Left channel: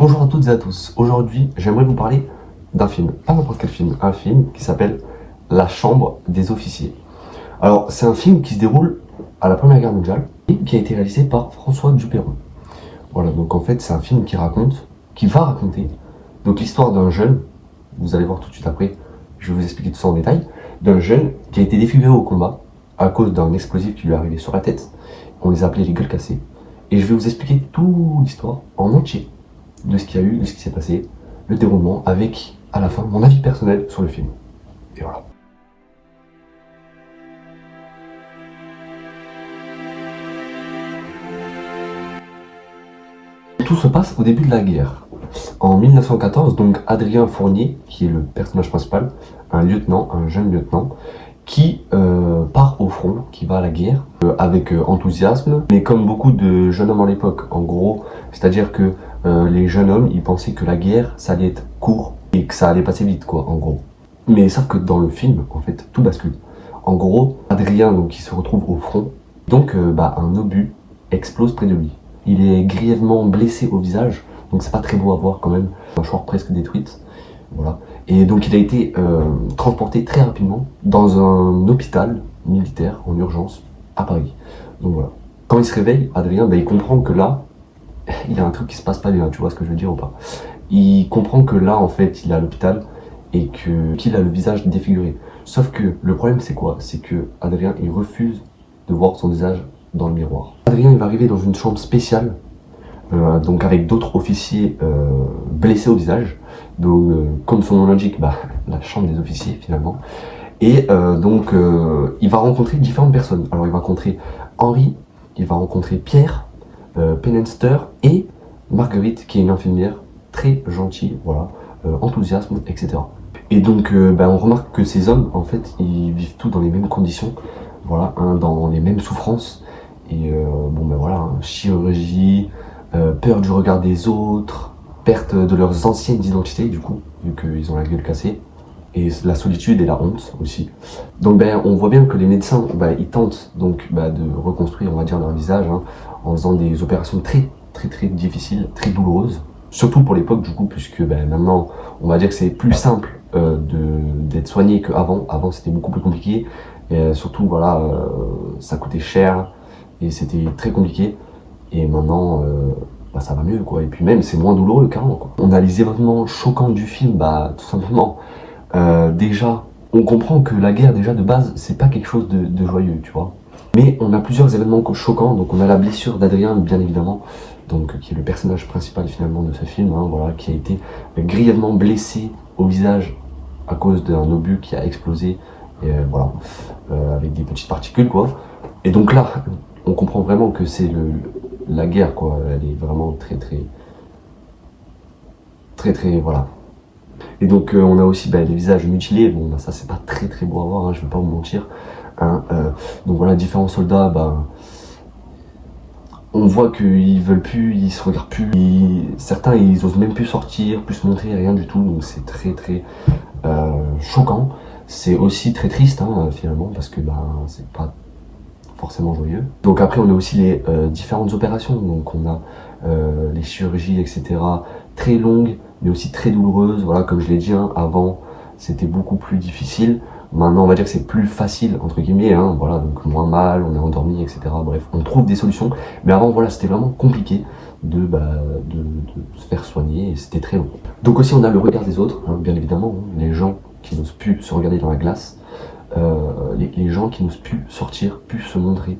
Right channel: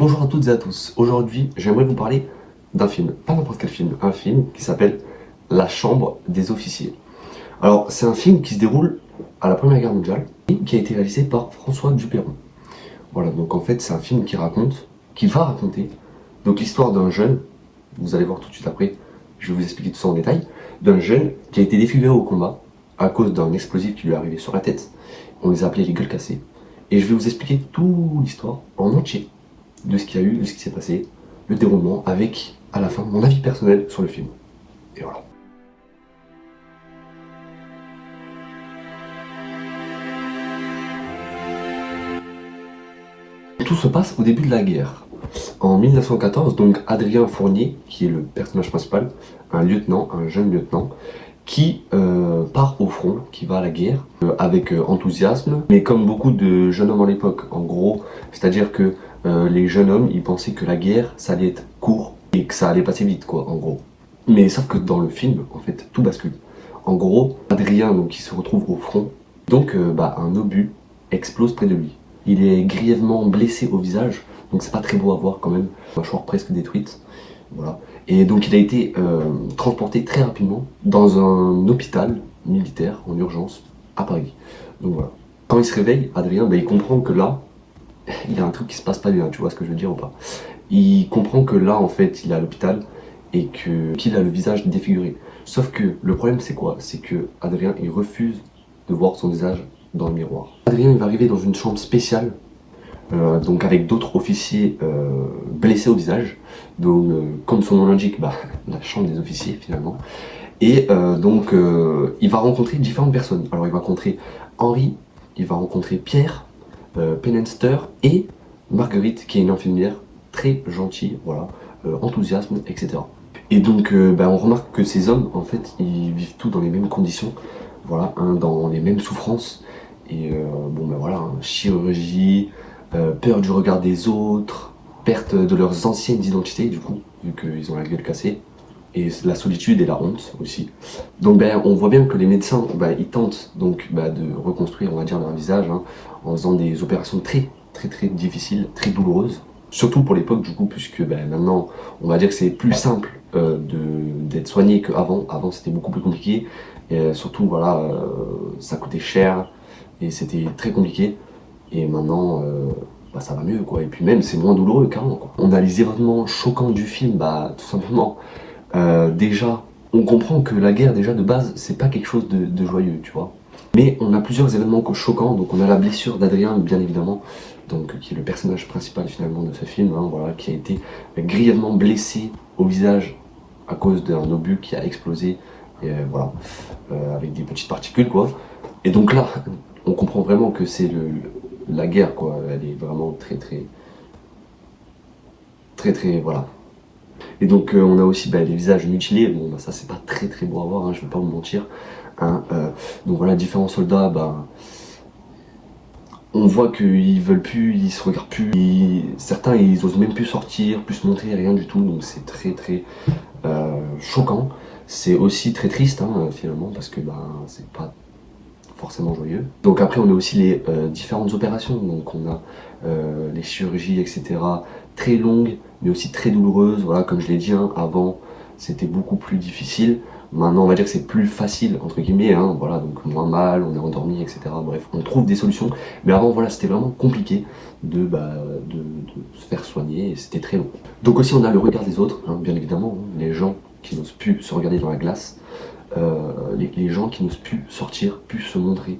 bonjour à toutes et à tous. Aujourd'hui, j'aimerais vous parler d'un film, pas n'importe quel film, un film qui s'appelle La Chambre des officiers. Alors, c'est un film qui se déroule à la Première Guerre mondiale et qui a été réalisé par François Dupeyron. Voilà, donc en fait, c'est un film qui va raconter, donc l'histoire d'un jeune, vous allez voir tout de suite après, je vais vous expliquer tout ça en détail, d'un jeune qui a été défiguré au combat à cause d'un explosif qui lui est arrivé sur la tête. On les a appelés les gueules cassées. Et je vais vous expliquer toute l'histoire en entier de ce qu'il y a eu, de ce qui s'est passé, le déroulement, avec, à la fin, mon avis personnel sur le film. Et voilà. Tout se passe au début de la guerre. En 1914, donc Adrien Fournier, qui est le personnage principal, un lieutenant, un jeune lieutenant, qui part au front, qui va à la guerre, avec enthousiasme, mais comme beaucoup de jeunes hommes à l'époque, en gros, c'est-à-dire que les jeunes hommes, ils pensaient que la guerre, ça allait être court, et que ça allait passer vite, quoi, en gros. Mais sauf que dans le film, en fait, tout bascule. En gros, Adrien, donc, il se retrouve au front, donc un obus explose près de lui. Il est grièvement blessé au visage, donc c'est pas très beau à voir quand même, mâchoire presque détruite. Voilà. Et donc il a été transporté très rapidement dans un hôpital militaire en urgence à Paris. Donc voilà. Quand il se réveille, Adrien, il comprend que là, il y a un truc qui se passe pas bien, tu vois ce que je veux dire ou pas? Il comprend que là, en fait, il est à l'hôpital et qu'il a le visage défiguré. Sauf que le problème, c'est quoi? C'est que Adrien, il refuse de voir son visage dans le miroir. Adrien, il va arriver dans une chambre spéciale, donc avec d'autres officiers blessés au visage. Donc, comme son nom l'indique, la chambre des officiers finalement. Et il va rencontrer différentes personnes. Alors, il va rencontrer Henri, il va rencontrer Pierre, Penenster et Marguerite, qui est une infirmière très gentille, voilà, enthousiasme, etc. Et donc, on remarque que ces hommes, en fait, ils vivent tous dans les mêmes conditions, voilà, dans les mêmes souffrances. Et chirurgie, peur du regard des autres, perte de leurs anciennes identités, du coup, vu qu'ils ont la gueule cassée, et la solitude et la honte aussi. Donc on voit bien que les médecins, ils tentent donc de reconstruire, on va dire, leur visage, hein, en faisant des opérations très difficiles, très douloureuses. Surtout pour l'époque, du coup, puisque maintenant, on va dire que c'est plus simple d'être soigné qu'avant. Avant, c'était beaucoup plus compliqué. Et surtout, voilà, ça coûtait cher et c'était très compliqué. Et maintenant, ça va mieux, quoi. Et puis même, c'est moins douloureux, carrément, quoi. On a les événements choquants du film, tout simplement. Déjà, on comprend que la guerre, déjà, de base, c'est pas quelque chose de joyeux, tu vois. Mais on a plusieurs événements choquants. Donc on a la blessure d'Adrien, bien évidemment, donc qui est le personnage principal finalement de ce film, hein, voilà, qui a été grièvement blessé au visage à cause d'un obus qui a explosé, et, avec des petites particules, quoi. Et donc là, on comprend vraiment que c'est la guerre, quoi. Elle est vraiment très, voilà. Et donc on a aussi les visages mutilés. Bon, ça c'est pas très beau à voir, hein, je vais pas vous mentir. Hein, donc voilà, différents soldats, on voit qu'ils veulent plus, ils se regardent plus, certains ils osent même plus sortir, plus se montrer, rien du tout, donc c'est très choquant. C'est aussi très triste, hein, finalement, parce que c'est pas forcément joyeux. Donc après on a aussi les différentes opérations, donc on a les chirurgies, etc., très longues, mais aussi très douloureuses. Voilà, comme je l'ai dit, hein, avant c'était beaucoup plus difficile. Maintenant, on va dire que c'est plus facile, entre guillemets, hein, voilà, donc moins mal, on est endormi, etc. Bref, on trouve des solutions. Mais avant, voilà, c'était vraiment compliqué de se faire soigner et c'était très long. Donc aussi, on a le regard des autres, hein, bien évidemment, hein, les gens qui n'osent plus se regarder dans la glace, les gens qui n'osent plus sortir, plus se montrer.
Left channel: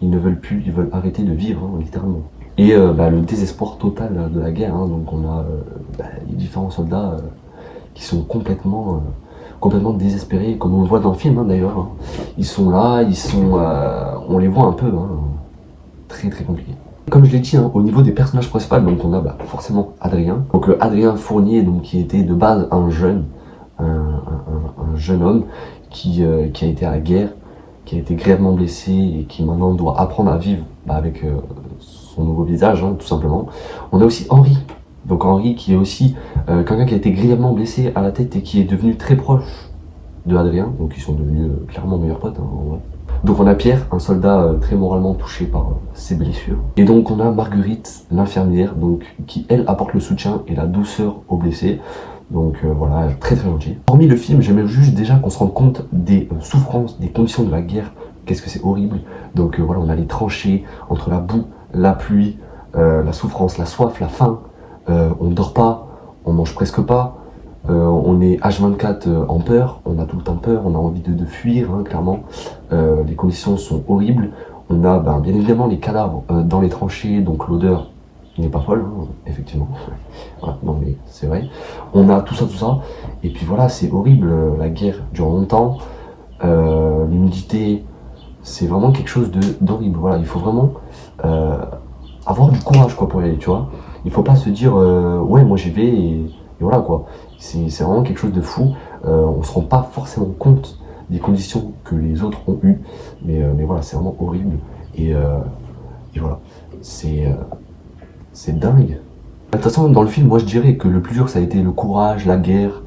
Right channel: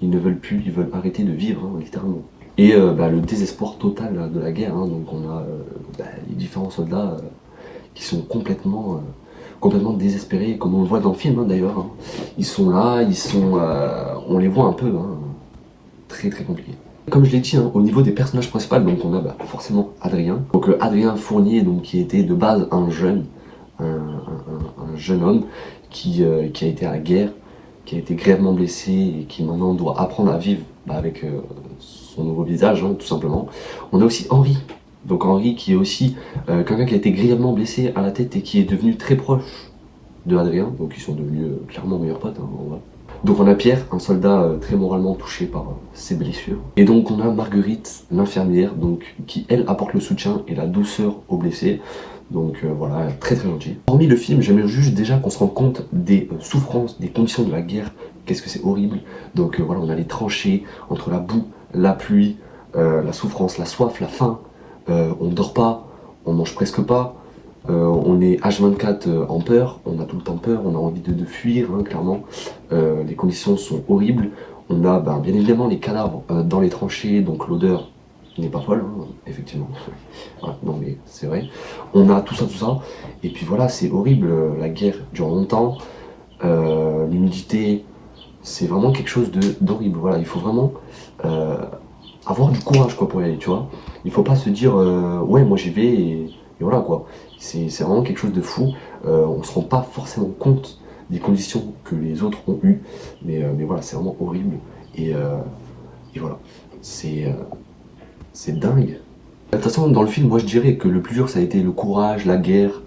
Ils ne veulent plus, ils veulent arrêter de vivre, hein, littéralement. Et le désespoir total de la guerre, hein, donc on a les différents soldats qui sont complètement désespérés, comme on le voit dans le film, hein, d'ailleurs. Hein. Ils sont là, on les voit un peu, hein, très compliqué. Comme je l'ai dit, hein, au niveau des personnages principaux, donc on a forcément Adrien. Donc Adrien Fournier, donc, qui était de base un jeune homme qui a été à la guerre, qui a été grièvement blessé et qui maintenant doit apprendre à vivre avec son nouveau visage, hein, tout simplement. On a aussi Henri. Donc Henri qui est aussi quelqu'un qui a été grièvement blessé à la tête et qui est devenu très proche de Adrien, donc ils sont devenus clairement meilleurs potes, hein, en vrai. Donc on a Pierre, un soldat très moralement touché par ses blessures. Et donc on a Marguerite, l'infirmière, donc qui elle apporte le soutien et la douceur aux blessés. Donc voilà, très très gentil. Hormis le film, j'aimerais juste déjà qu'on se rende compte des souffrances, des conditions de la guerre. Qu'est-ce que c'est horrible. Donc voilà, on a les tranchées entre la boue, la pluie, la souffrance, la soif, la faim. On ne dort pas, on mange presque pas. On est H24 en peur, on a tout le temps peur, on a envie de fuir, hein, clairement. Les conditions sont horribles. On a bien évidemment les cadavres dans les tranchées, donc l'odeur n'est pas folle, hein, effectivement. Voilà, non mais c'est vrai. On a tout ça. Et puis voilà, c'est horrible, la guerre dure longtemps. L'humidité, c'est vraiment quelque chose d'horrible. Voilà, il faut vraiment avoir du courage quoi, pour y aller, tu vois. Il faut pas se dire, ouais, moi j'y vais et voilà quoi. C'est vraiment quelque chose de fou. On se rend pas forcément compte des conditions que les autres ont eues. Mais voilà, c'est vraiment horrible. Et voilà, c'est dingue. De toute façon, dans le film, moi je dirais que le plus dur ça a été le courage, la guerre,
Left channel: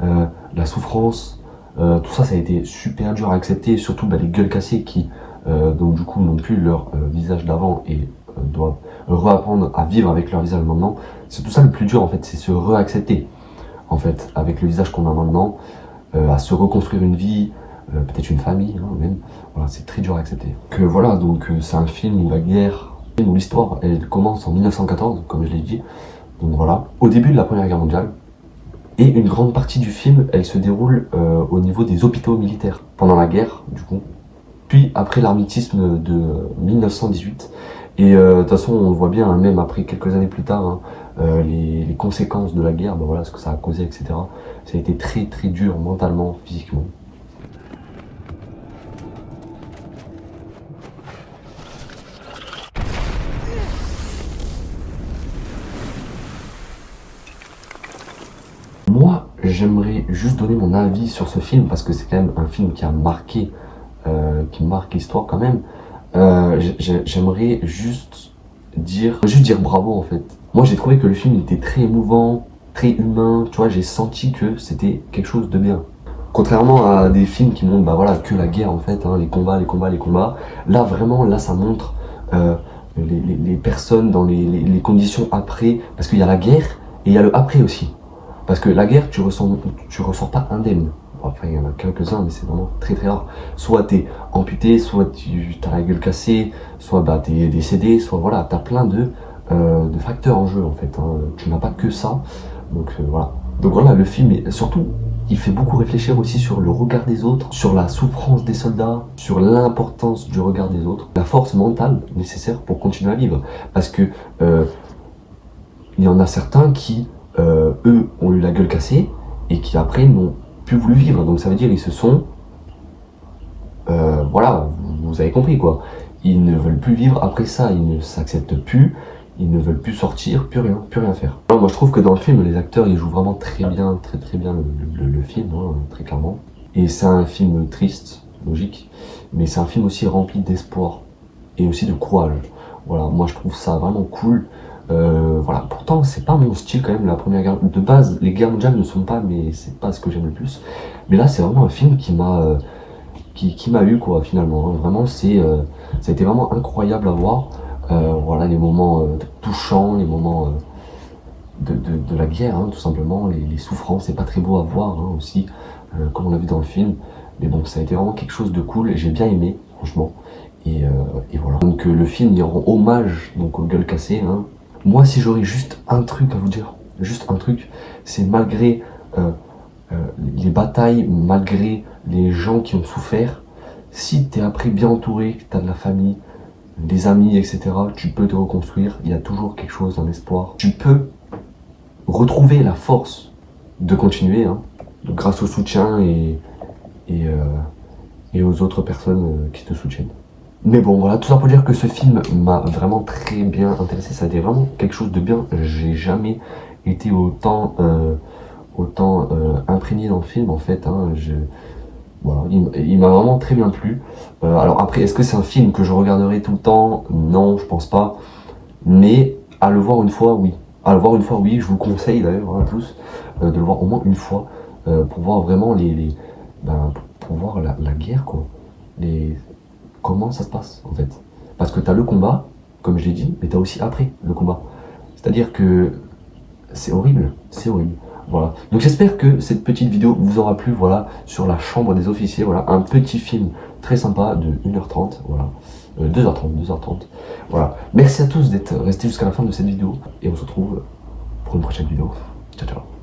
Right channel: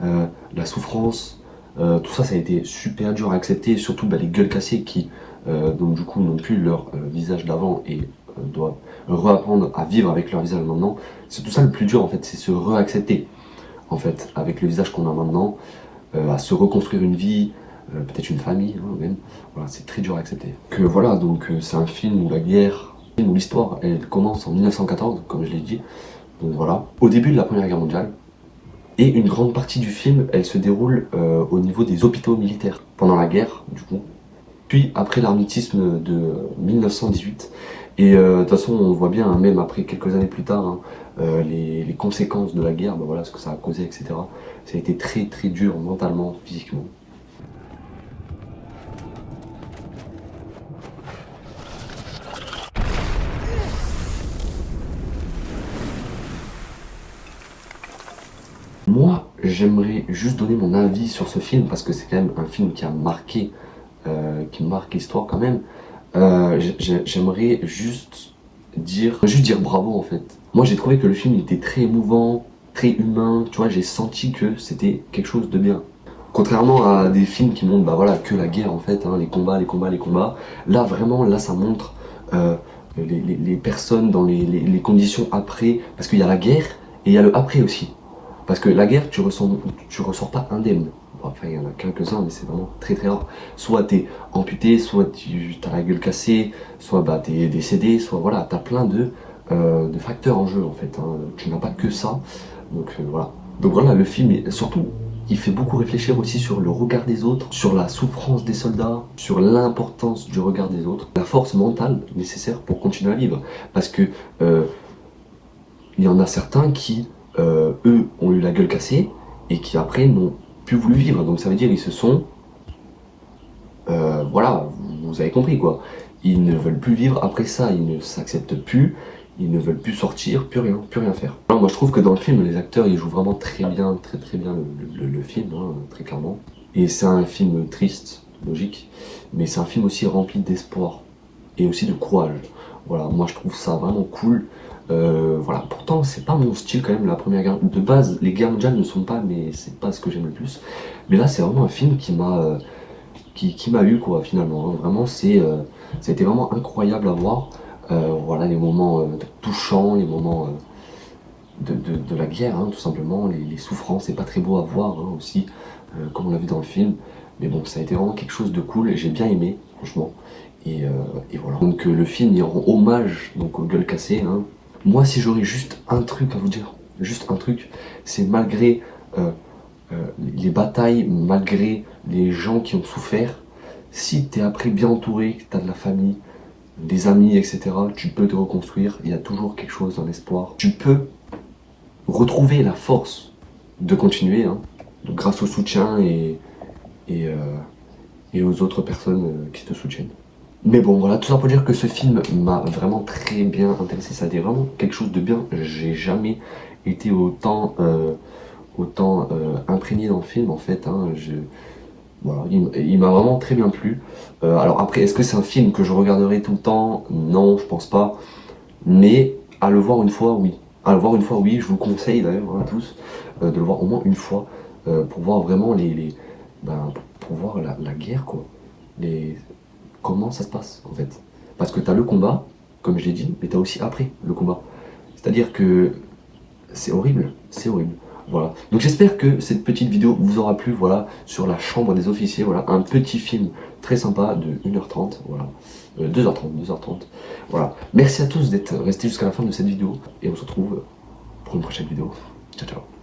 la souffrance. Tout ça, ça a été super dur à accepter. Surtout les gueules cassées qui, donc du coup, n'ont plus leur visage d'avant et doivent réapprendre à vivre avec leur visage maintenant. C'est tout ça le plus dur en fait, c'est se réaccepter en fait avec le visage qu'on a maintenant, à se reconstruire une vie, peut-être une famille hein, même. Voilà, c'est très dur à accepter. Que voilà, donc c'est un film où la guerre, où l'histoire, elle commence en 1914, comme je l'ai dit. Donc voilà, au début de la Première Guerre mondiale. Et une grande partie du film, elle se déroule au niveau des hôpitaux militaires, pendant la guerre, du coup. Puis après l'armistice de 1918. Et de toute façon, on voit bien, hein, même après quelques années plus tard, hein, les conséquences de la guerre, voilà, ce que ça a causé, etc. Ça a été très très dur mentalement, physiquement. Moi, j'aimerais juste donner mon avis sur ce film parce que c'est quand même un film qui marque l'histoire quand même. J'aimerais juste dire bravo en fait. Moi, j'ai trouvé que le film était très émouvant, très humain. Tu vois, j'ai senti que c'était quelque chose de bien. Contrairement à des films qui montrent, voilà, que la guerre en fait, hein, les combats, les combats, les combats. Là, vraiment, là, ça montre les personnes dans les conditions après, parce qu'il y a la guerre et il y a le après aussi. Parce que la guerre, tu ressors pas indemne. Bon, après, il y en a quelques-uns, mais c'est vraiment très très rare. Soit t'es amputé, soit tu as la gueule cassée, soit t'es décédé, soit voilà, t'as plein de facteurs en jeu en fait. Hein. Tu n'as pas que ça. Donc voilà. Donc voilà, le film, surtout, il fait beaucoup réfléchir aussi sur le regard des autres, sur la souffrance des soldats, sur l'importance du regard des autres, la force mentale nécessaire pour continuer à vivre. Parce que il y en a certains qui, eux, ont eu la gueule cassée et qui après n'ont plus voulu vivre. Donc ça veut dire ils se sont, voilà, vous avez compris quoi. Ils ne veulent plus vivre après ça, ils ne s'acceptent plus, ils ne veulent plus sortir, plus rien faire. Moi je trouve que dans le film, les acteurs ils jouent vraiment très bien, très bien le film, hein, très clairement. Et c'est un film triste, logique, mais c'est un film aussi rempli d'espoir et aussi de courage. Voilà, moi je trouve ça vraiment cool. Voilà, pourtant c'est pas mon style quand même, la première guerre. De base, les guerres mondiales ne sont pas, mais c'est pas ce que j'aime le plus. Mais là c'est vraiment un film qui m'a eu quoi finalement. Hein. Vraiment ça a été vraiment incroyable à voir. Voilà, les moments touchants, les moments de la guerre, hein, tout simplement, les souffrances, c'est pas très beau à voir hein, aussi, comme on l'a vu dans le film. Mais bon, ça a été vraiment quelque chose de cool et j'ai bien aimé, franchement. Et voilà. Donc le film il rend hommage donc aux gueules cassées. Hein. Moi, si j'aurais juste un truc à vous dire, juste un truc, c'est malgré les batailles, malgré les gens qui ont souffert, si t'es après bien entouré, que t'as de la famille, des amis, etc., tu peux te reconstruire. Il y a toujours quelque chose, un espoir. Tu peux retrouver la force de continuer, hein, grâce au soutien et aux autres personnes qui te soutiennent. Mais bon, voilà, tout ça pour dire que ce film m'a vraiment très bien intéressé. Ça a été vraiment quelque chose de bien. J'ai jamais été autant imprégné dans le film, en fait. Hein. Voilà, il m'a vraiment très bien plu. Alors après, est-ce que c'est un film que je regarderai tout le temps? Non, je pense pas. Mais à le voir une fois, oui. À le voir une fois, oui. Je vous le conseille d'ailleurs, hein, tous, de le voir au moins une fois pour voir vraiment pour voir la guerre, quoi. comment ça se passe en fait. Parce que tu as le combat, comme je l'ai dit, mais tu as aussi après le combat. C'est-à-dire que c'est horrible, c'est horrible. Voilà. Donc j'espère que cette petite vidéo vous aura plu, voilà, sur la chambre des officiers, voilà, un petit film très sympa de 1h30, voilà, 2h30, voilà. Merci à tous d'être restés jusqu'à la fin de cette vidéo, et on se retrouve pour une prochaine vidéo. Ciao, ciao.